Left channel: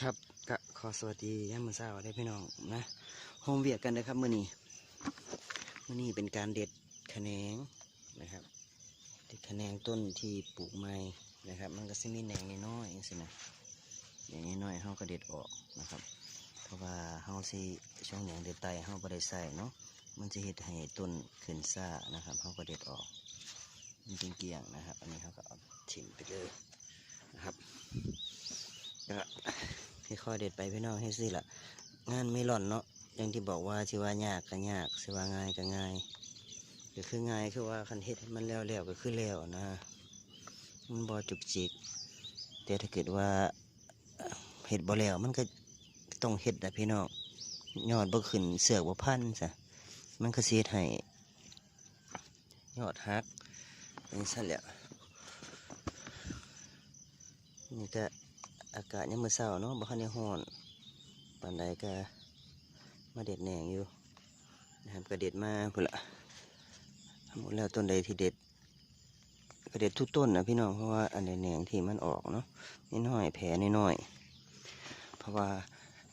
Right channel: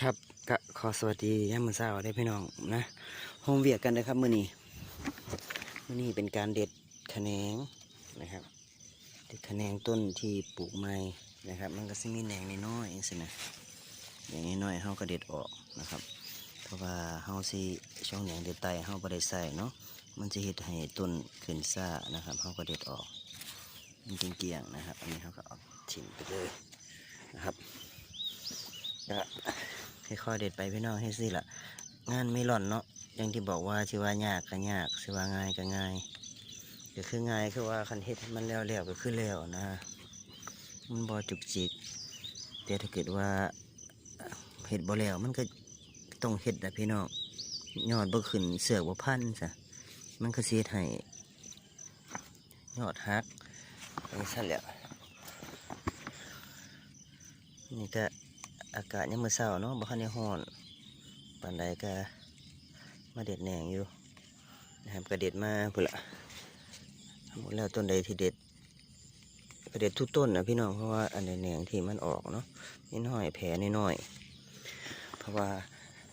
ครับก็ขอสวัสดีย่ามือเช้าได้พี่น้องนะห้องเวียกกันนะครับมื้อนี้มื้อนี้เป็นการเด็ดแขนงนะครับ เด็ดแขนงต้นที่ปลูกใหม่นะครับ มันก็สิมีแหนงน้อยๆจังซี่นะแหนงน้อยๆเฮาก็เด็ดออกนะครับ เพราะว่าเฮาสิช่องแหนงเด็ดไตเฮาบ่ได้ใส่เนาะมันจะเฮ็ดให้ต้นขึ้นซ่านะครับเฮาก็เด็ดออกมันเกลี้ยงๆนะครับ อันนี้เฮาก็เอาทิ้งไปเลยนะครับ ก็ค่อยๆเด็ดไปพี่น้องให้สิละงานไม่หล่อนเนาะอย่างที่บอกว่าชิว่ายากก็ยากชิว่าง่ายก็ง่ายก็คือง่ายคือว่าคันเฮ็ดมันแล้วแล้วก็คือแล้วนะมันบ่จุกจิกแต่ถ้าเกิดว่าเฮ็ดบ่แล้วมันก็ต้องเฮ็ดนะพี่น้องยอดบ่ขึ้นเสือกบ่พันจ้ะมันก็เฮ็ดให้ยอดฮักไปซะแล้วนี่ก็ อากาศยังมือเศร้าเนาะบ่คันได้ฮ้อนปานใดก็มาเด็ดแหน่งอยู่นะครับก็เด็ดมาพุ่นละหมดแล้วต้นใดที่เด็ดก็เด็ดทุกต้นนะพี่น้องเพราะว่าอันใดแหน่งที่มันออกเนาะน้อยแผลน้อย เพราะว่า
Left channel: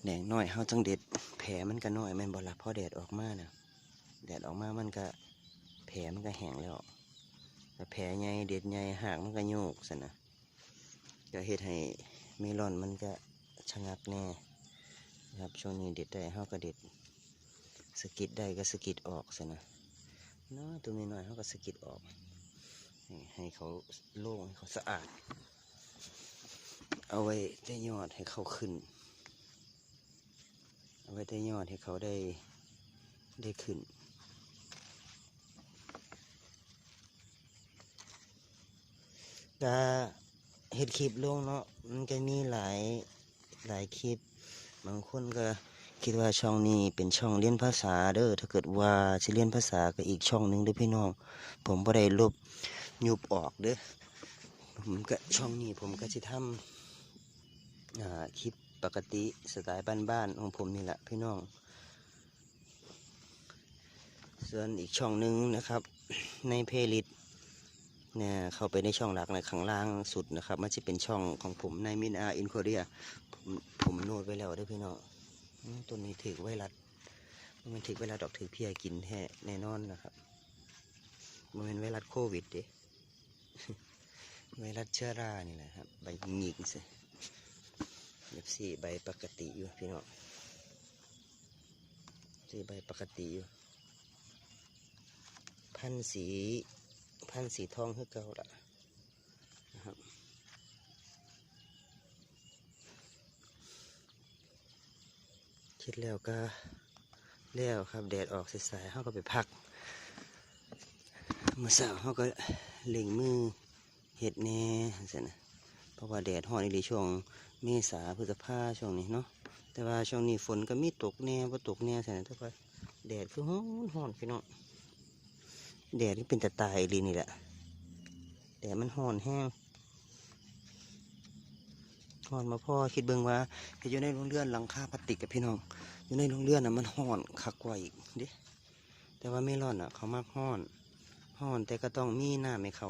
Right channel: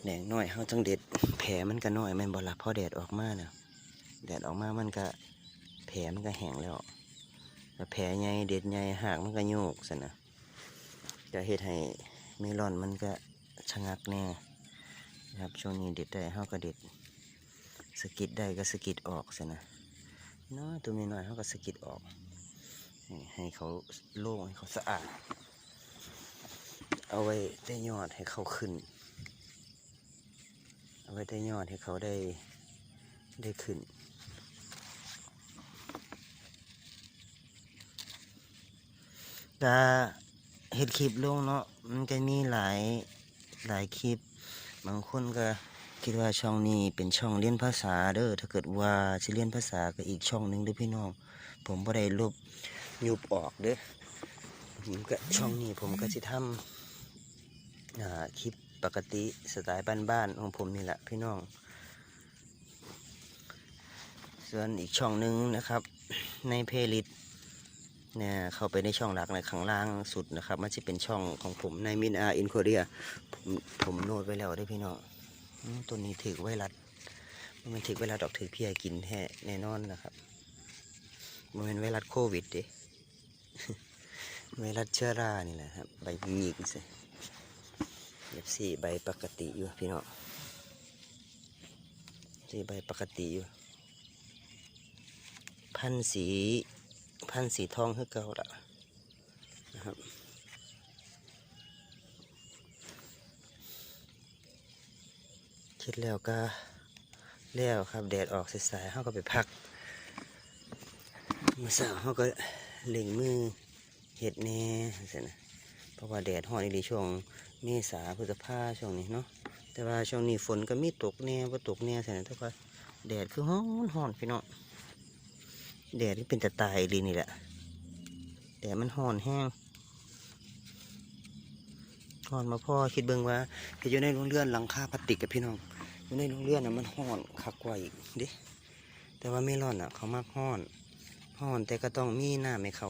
แหน่งน้อยเขาต้องเด็ดแผลมันก็น้อยแม่นบ่ล่ะพอแดดออกมาเนี่ยแดดออกมามันก็แผลมันก็แห้งแล้วแต่แผลใหญ่เด็ดใหญ่หากมันก็โยกซะนะจะเฮ็ดให้ เมลอนมันก็ชะงักแน่นะครับช่วงนี้เด็ดได้เฮาก็เด็ดสกิดได้ก็สกิดออกสินะน้อยตัวนี้น้อยเฮาก็สกิดออกให้เขาโล่งให้เขาสะอาด เอาไว้ได้ยอดให้เขาขึ้น เอาไว้ได้ยอดให้เขาได้ได้ขึ้นก็เฮ็ดคลิปลงเนาะ มันก็มีหลายหลายคลิป บางคนก็คิดว่าช่องนี้เป็นช่องเรียนภาษาเด้อถ้าเกิดว่าจะเรียนภาษาก็อีกช่องหนึงเด้อพี่น้อง ผมบ่ได้ลบยุบออกเด้อผมก็ช่องนี้ผมก็สิทำอ่าคลิปปกติสไตล์บ้านๆของผมนี่แหละพี่น้อง ส่วนอีกช่องหนึงนะครับ ในเพลย์ลิสเนี่ยเข้าไปในช่องหลักในข้างล่างสุดนะครับ มันจะเป็นช่องของผมในมินอาอินโคเรียผมผมโน้ตไว้แล้วได้อพี่น้องตัวนี้ถือไวรัสมันถือไวรัสดอกถือเพียกินแท้แน่นอนนะครับมันเป็นไวรัสโควิดดิไวรัสเชื้อรานี่แหละครับใบหงิกสิแบบสี่ใบปกติอยู่พี่น้องสี่ใบปกติอยู่พันธุ์สี พันธุ์สีทองคือเก่าละนะครับคิดแล้วก็แล้วครับแดดออกสายๆเขาก็ไปพักเมื่อสาวเขาก็เล่งมือเห็ดแน่สินะเพราะว่าแดดห่อนอีหลีช่วงเมษาพฤษภาช่วงนี้เนาะแต่ว่าช่วงนี้ฝนก็มีตกแน่ว่าตกแน่สินะทุกคนแดดคือฮ้อนฮ้อนพี่น้อง แดดที่เป็นตะตายเลยนี่แหละแดดมันห่อนแห้งห่อนมาพ่อคิดเบิ่งว่าพี่อยู่ในโรงเรือนหลังคาพลาสติกกับพี่น้องอยู่ในโรงเรือนน่ะมันห่อนคักกว่าอีกดิแต่ว่าไม่ร้อนอะ เขามากห่อนห่อนแต่ก็ต้องมีหน้าให้เขา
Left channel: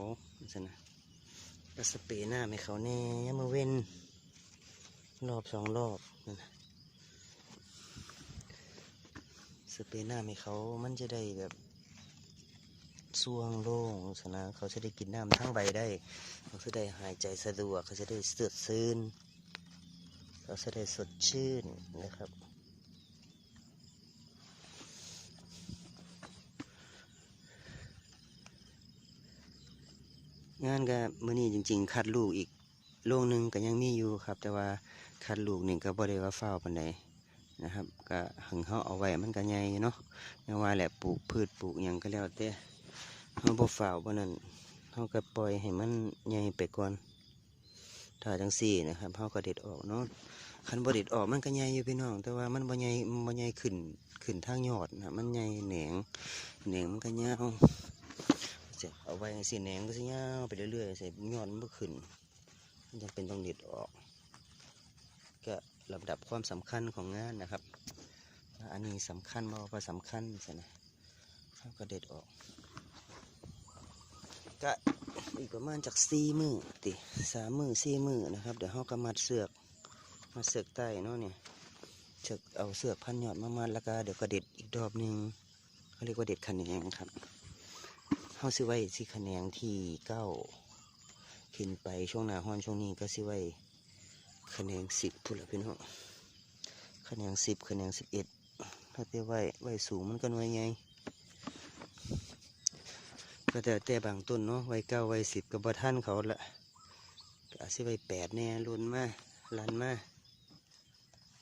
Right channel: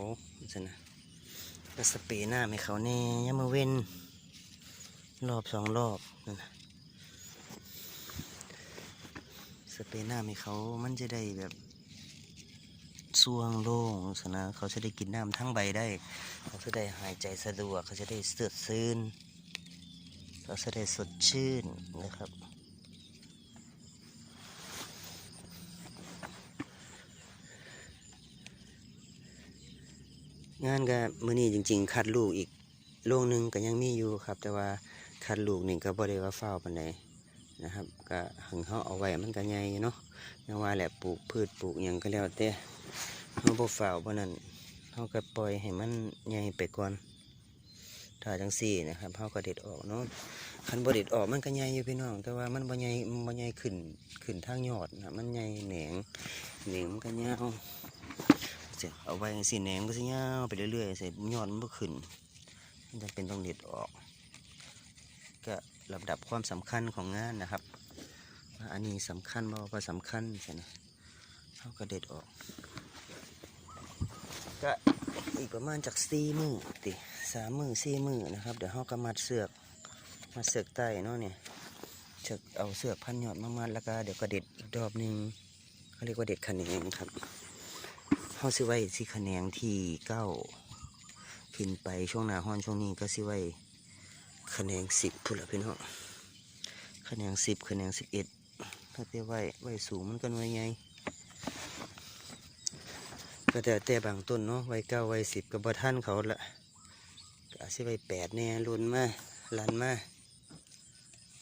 สินะก็สเปรย์หน้าให้เขาแน่ยามาเว้นรอบสองรอบนั่นนะสเปรย์หน้าให้เขามันจะได้แบบ ช่วงโล่งสนะเขาจะได้กินน้ำทั้งใบได้ เขาจะได้หายใจสะดวก เขาจะได้สดชื่นเขาจะได้สดชื่นนะครับงานก็มื้อนี้จริง ๆ คัดลูกอีกโรงหนึ่งก็ยังมีอยู่ครับ แต่ว่าคัดลูกนี่ก็บ่ได้ว่าเฝ้าปานใดนะครับ ก็หึงเขาเอาไว้มันก็ใหญ่เนาะไม่ว่าแหละปลูกพืชปลูกหยังก็แล้วแต่ เขาบ่ฝ่าวพราะนั้นเขาก็ปล่อยให้มันใหญ่ไปก่อนถ้าจังสี่นะครับเขาก็เด็ดออกเนาะคันบ่เด็ดออกมันก็ใหญ่อยู่พี่น้อง แต่ว่ามันบ่ใหญ่บ่ใหญ่ขึ้นขึ้นทางยอดนะมันใหญ่แหนงแหนงมันก็ยาวเสร็จเอาไว้สี่แหนงก็สิยาวไปเรื่อยๆเสร็จยอดมันบ่ขึ้นมันจะเป็นต้องเด็ดออก ก็ลำดับความสำคัญของงานนะครับอันนี้สำคัญบ่ว่าสำคัญใช่ไหมเขาก็เด็ดออก ก็อีกประมาณจากสี่มือติสามมือสี่มือนะครับเดี๋ยวเขาก็มัดเสือกมาเสือกใต้เนาะเนี่ยเชือกเอาเสือกพันยอดมามัดแล้วก็เดี๋ยวก็เด็ดอีกรอบหนึ่งเขาเรียกว่าเด็ดขะแหนงครับเขาซื้อไว้สิขะแหนงที่เก้าขึ้นไปช่วงหน้าห้อนช่วงนี้ก็ซื้อไว้ขะแหนงสิบพุ่นละพี่น้องขะแหนงสิบขะแหนงสิบเอ็ดถ้าเต้ไว้ไว้สูงมันก็หน่วยไง ก็แต่แต่บางต้นเนาะไว้เก้าไว้สิบกับบท่านเขาละก็อาจจะไว้แปดแน่รุนมาลันมา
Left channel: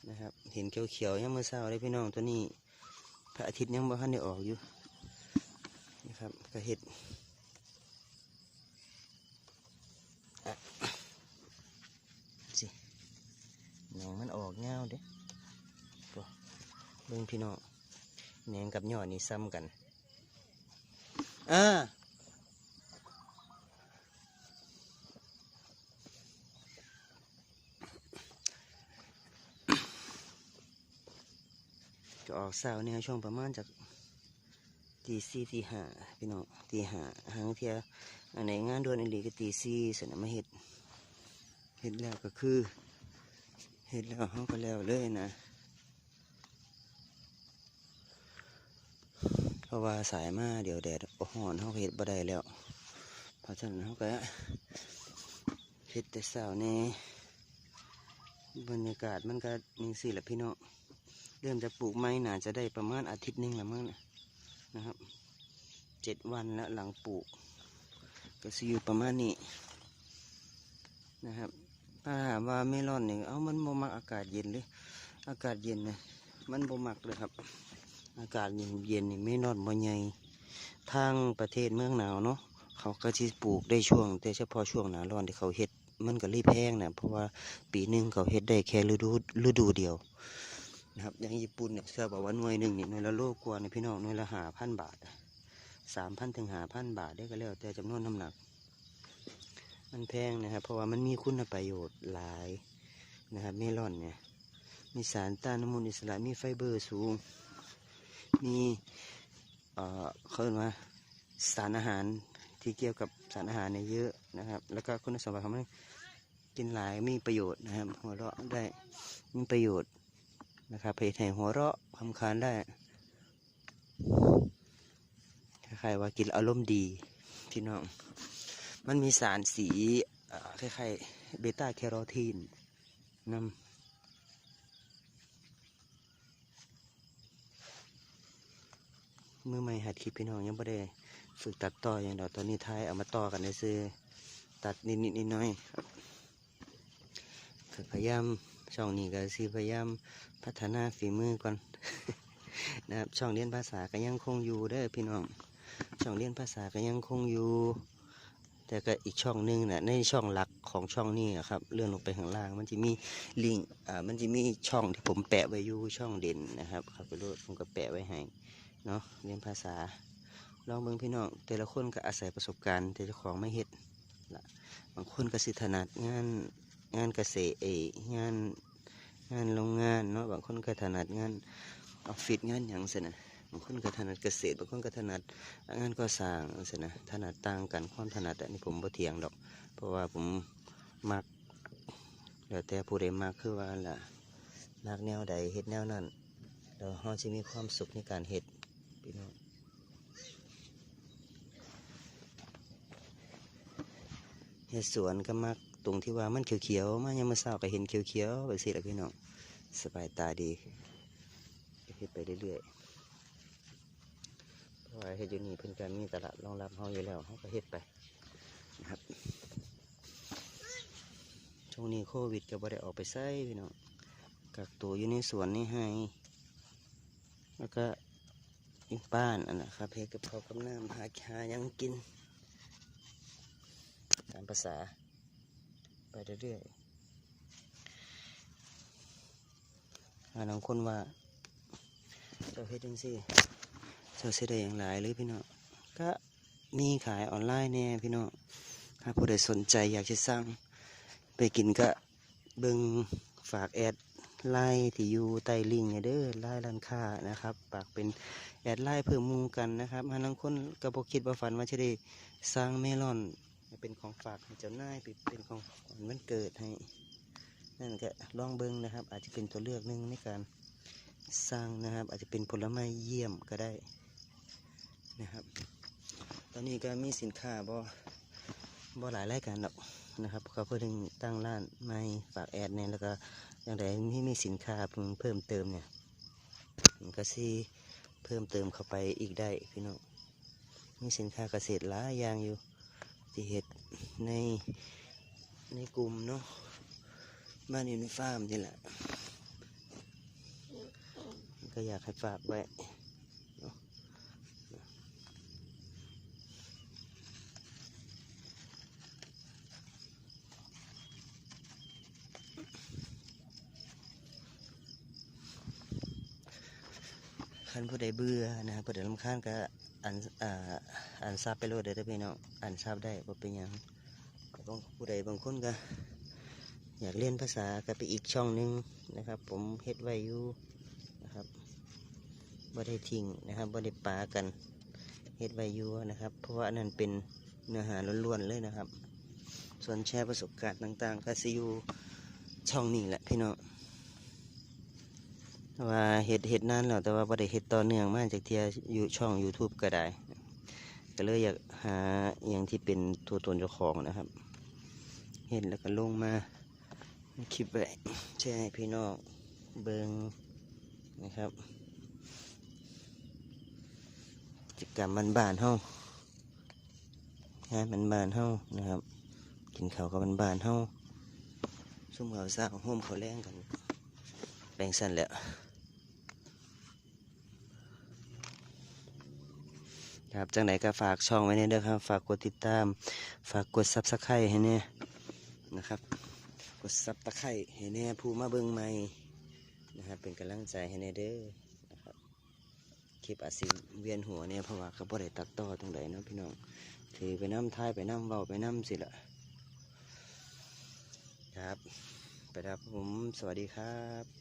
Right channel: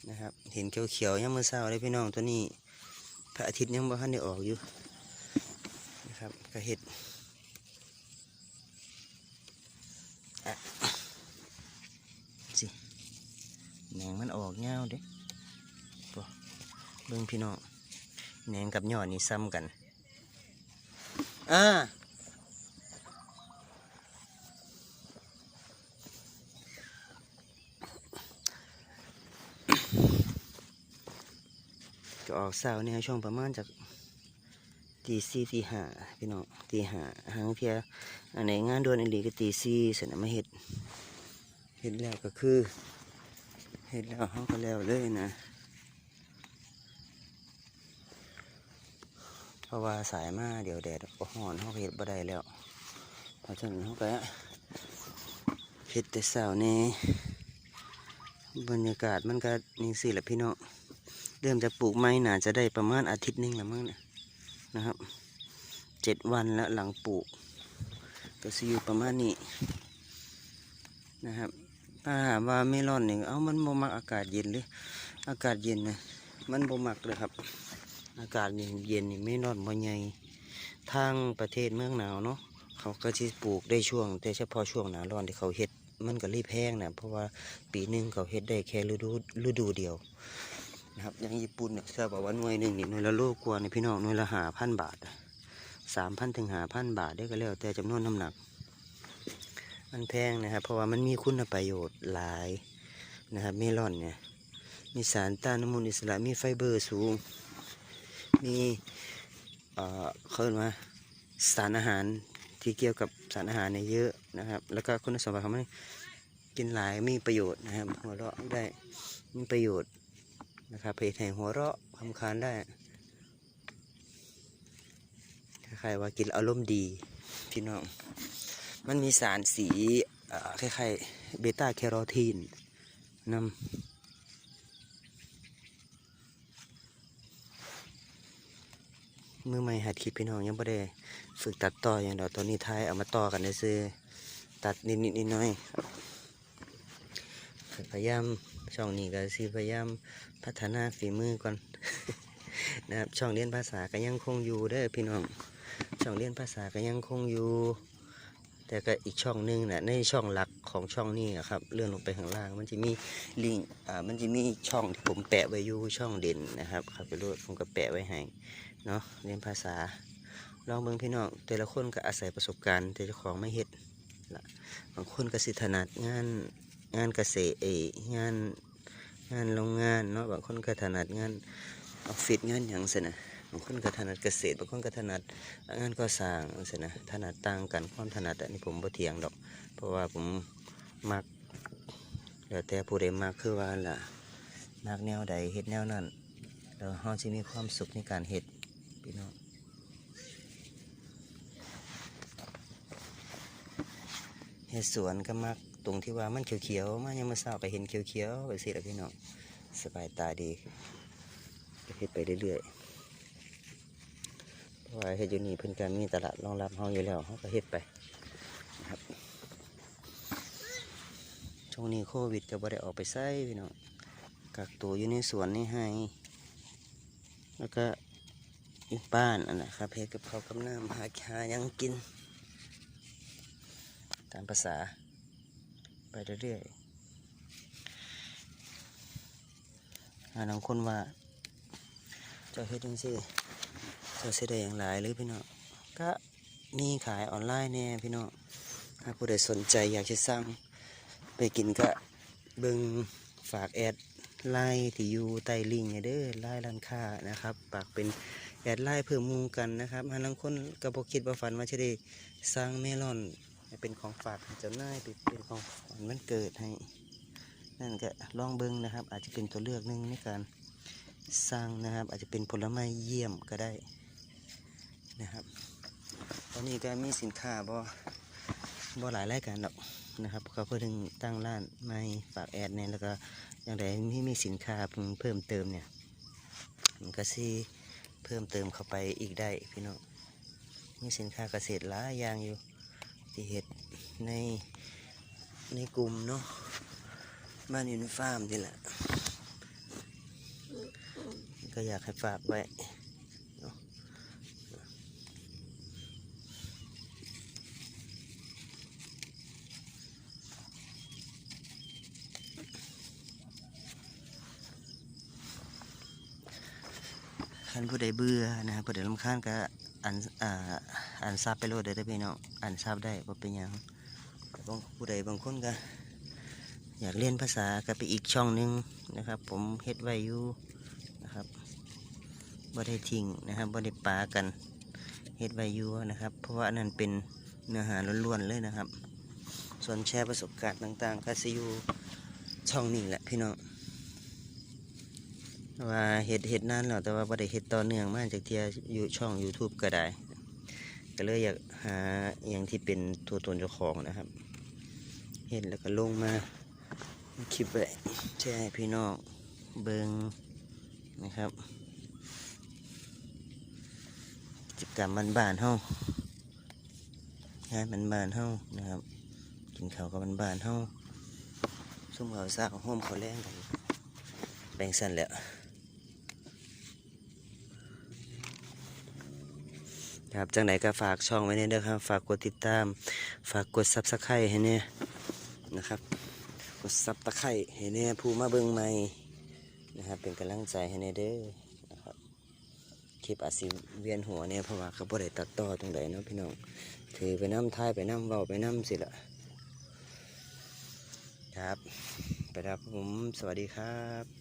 นะครับเห็นเขียวๆยังมือเศร้าเลยพี่น้องตัวนี้ พระอาทิตย์ยังบ่ทันได้ออกอยู่นะครับกระเห็ดสิแหนงมันออกเงาเด้บ่เบิ่งพี่น้องแหนงกับยอดนี่ซ้ำกันอ่า ออกเสาเนี่ยช่วงประมาณจากตีสี่ตีห้าพี่น้องตีห้าหางเทียอันไหนงานโดวนอีหลีก็ตีสี่เสร็จแล้วมาเห็ดเห็ดแล้วก็คือเห็ดแล้วเขาก็แล้วเลยนะ เพราะว่าสายมาเดี๋ยวแดดก็ห่อนเขาเห็ดบ่ได้แล้วเพราะฉะนั้นเขาก็เห็ดแต่เสาเนี่บรรยากาศมันก็นี่สิแหละพี่น้อง เริ่มจะปลูกไม้หนาจะได้ประมาณอาทิตย์นึงละมั้งเนี่ยนะครับเจ็ดวันแล้วหลังปลูกก็สิอยู่ประมาณนี้นะครับถ้าถาว่าไม่ร้อนหนึ่งเอามันบ่มักอากาศเย็นหรืออากาศเย็นนะมันบ่มักเลยครับ อากาศนี่เย็นนี่ไม่นอนบ่ใหญ่ทางประเทศเมืองหนาวเนาะเขาก็สิปลูกได้ช่วง แต่เฉพาะช่วงหนาร้อนที่เขาเฮ็ดมันก็รีบแห้งนะเพราะว่าปีหนึ่งเขาเฮ็ดได้แค่ฤดูฤดูเดียว นะครับอย่างญี่ปุ่นเนี่ยทราบว่าหน่วยหนึ่งนี่หน่วยละโลกว่านี่พี่น้องหน่วยละหาพันบาทสามพันถึงหาพันบาทได้ก็แล้วแต่จำนวนน้ำหนัก มันแพงนะครับ เพราะว่ามันมีคุณประโยชน์หลายนะครับเมลอนเนี่ยมีสารต้านอนุมูลอิสระมีไฟเบอร์สูง มีเอ่อเขาเรียกว่าสารอาหารที่เกี่ยวกับสารอาหารเนี่ยเยอะนะครับ แล้วก็คุณสมบัติของมันกินหลายมีประโยชน์นะครับหัวเราะได้มีประโยชน์ นะครับเพจให้หัวเราะคำคานได้คล้ายๆว่ากินอารมณ์ดีพี่น้อง มันมีสารสีคล้ายๆเบต้าแคโรทีนนำมือใหม่หัดคลิปพี่น้องยังไม่ได้ฝึกตัดต่ออย่างเดียวตอนนี้ท้ายเอามาต่อกันได้ซื้อตัดนิดนิดนิดหน้อยพยายามช่องนี้ก็สิพยายาม พัฒนาฝีมือก่อน นะครับ ช่องเรียนภาษาก็ยังคงอยู่เด้อพี่น้อง ช่องเรียนภาษาก็ยังคงอยู่ แต่ก็อีกช่องหนึงนะในช่องหลักของช่องนี้ครับ เลื่อนลงไปข้างล่าง มันจะมีลิงอ่า มันจะมีช่องที่ผมแปะไว้อยู่ช่องเด่นนะครับครับไปรูดผมก็แปะไว้ให้ เนาะเรียนภาษา ลองเบิ่งพี่น้อง แต่ละคนก็อาศัยประสบการณ์ แต่เจ้าของไม่เฮ็ดละบางคนก็สิถนัดงานงานเกษตรเองาน งานโรงงานเนาะบางคนก็ถนัดงานออฟฟิศงานหยังเสนะบางคนก็ถนัดเกษตรบางคนก็ถนัดงานก่อสร้างเสนะถนัดต่างกันความถนัดอันนี้ผมบ่เถียงดอก เพราะว่าผมมักแล้วแต่ผู้ใดมักคือว่าล่ะมักแนวใดเฮ็ดแนวนั้นแล้วเราจะมีความสุขในการเห็ดพี่น้องเห็ดสวนก็มัก ตรงที่ว่ามันเขียวๆมายังมาเศร้าไปเห็นเขียวๆไปสิละพี่น้องสบายตาดีก็เห็ดไปเรื่อยๆเพราะว่าเห็ดอยู่นี่เพิ่นก็มีตลาดรองรับเฮาอยู่แล้วเฮาก็เห็ดไปนะครับช่วงนี้โควิดก็บ่ได้ออกไปไสพี่น้องกักตัวอยู่ในสวนนี่ให้แล้วก็อีกบ้านอันนะครับเพกับเขาวกับน้ำหาหาหยังกิน ตามภาษา ไปเรื่อยๆหาบางคนว่าเจ้าเฮ็ดจังซี่เจ้าเสียได้อย่างหลายหรือพี่น้องก็มีขายออนไลน์แน่พี่น้องถ้าผู้ใดสนใจอยากจะสั่งไปกินก็เบิ่งฝากแอดไล่ที่อยู่ใต้ลิงเด้อไล่ร้านค้านะครับปากเป็นแอดไล่เพิ่มหมูกันนะครับหาลังคนก็บอกคิดว่าฝันว่าจะได้สร้างเมลอน เป็นของฝากเจ้านายเป็นเป็นของขวัญมันเกิดให้ นั่นก็ลองเบิ้งนะครับ อาจจะเป็นตัวเลือกหนึ่งในการสร้างนะครับ อาจจะเป็นผลไม้เยี่ยมก็ได้นะครับตอนนี้ก็มีสินค้าบ่บ่หลายรายการหรอกนะครับเขาเพิ่งตั้งร้านใหม่ฝากแอดเนี่ยแล้วก็อย่างไรมีมีสินค้าเพิ่งเพิ่มเติมเนี่ยมันก็สิเพิ่มเติมเข้าไปอีกได้พี่น้องมีสินค้าเกษตรหลายอย่างอยู่ ที่เห็ดในในกลุ่มเนาะบ้านอินฟาร์มนี่แหละ ก็อยากให้ฝากไว้เนาะท่านผู้ใดเบื่อนะครับผู้ใดรำคาญก็ อันอ่าอันซับไปโลดได้เด้อพี่น้องอันซับได้บ่เป็นยังบางผู้ใดบางคนก็อยากเรียนภาษาก็ไปอีกช่องหนึงนะครับ ผมเฮ็ดไว้อยู่นะครับบ่ได้ทิ้งนะครับบ่ได้ปากันเฮ็ดไว้อยู่นะครับ เพราะว่านนั้นเป็นเนื้อหาล้วนๆเลยนะครับ ส่วนแชร์ประสบการณ์ต่างๆ ก็สิอยู่ช่องนี้แหละพี่น้อง ว่าเฮ็ดเฮ็ดนานแล้วแต่ว่าบ่ได้เฮ็ดต่อเนื่องมาจากเทียอยู่ช่อง YouTube ก็ได้ก็เลยอยากหาอย่างที่เป็นตัวตนเจ้าของนะครับ เห็นแล้วก็ลงมาคลิปไว้แชร์ให้พี่น้องเบิงนะครับกิจกรรมบ้านๆเฮางานบ้านๆเฮานะครับ กินข้าวกับบ้านๆเฮาซุ่มเขาซากของโฮมเขาแรงกันแบ่งสั่นแล้ว ครับจังไหนก็ฝากช่องไว้เนี่ยด้วยครับ ฝากกดติดตาม ฝากกดซับสไครต์ให้เนี่ยนะครับ กดซับตะไคร้ให้เนี่ยผู้มาเบิ่งใหม่นะครับ เป็นกำลังใจให้เนี่ยเด้อนะครับคลิปอาจสิเวียนหัวเนี่ยเพราะว่าเขาบ่ได้ตัดต่อตรงไหนเนาะพี่น้องถือไปน้ำท้ายไปน้ำเบาไปน้ำสิละครับไปครับผมสวัสดีครับ